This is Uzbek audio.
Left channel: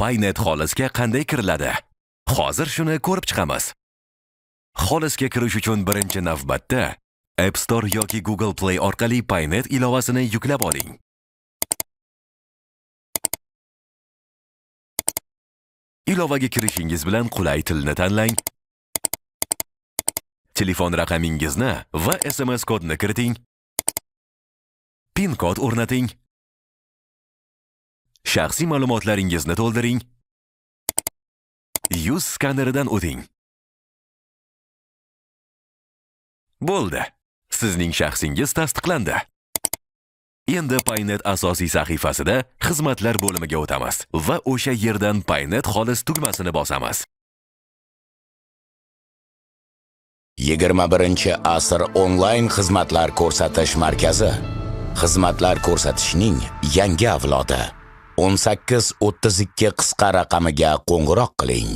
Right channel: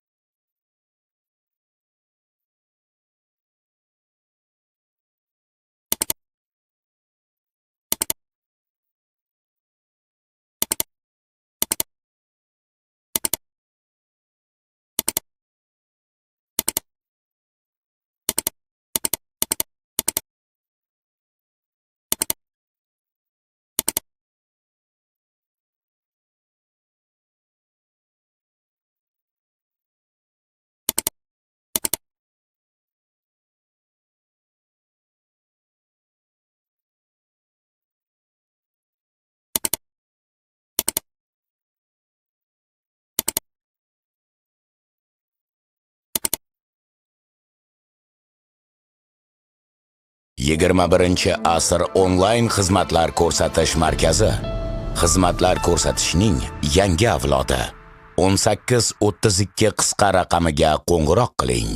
Paynet Xolisga qanday kiriladi? Hozir shuni ko'rib chiqamiz. Xolisga kirish uchun birinchi navbatda App Store yoki Google Play orqali Paynet ilovasini yuklab oling. Ilovaga kirishingiz bilan qulay tilni tanlang. Telefon raqamingizni va SMS kodni kiriting. PIN kod o'rnating. Shaxsiy ma'lumotlaringizni to'ldiring. Yuz skaneridan o'ting. Bo'ldi. Sizning shaxsingiz tasdiqlandi. Endi Paynet asosiy sahifasida xizmatlar bo'limiga o'tamiz va o'sha yerdan Paynet Xolis tugmasini bosamiz. 21-asr onlayn xizmatlar ko'rsatish markazi. Xizmatlar ko'rsatishning yangi avlodi. 1832 qisqa raqamiga qo'ng'iroq qiling.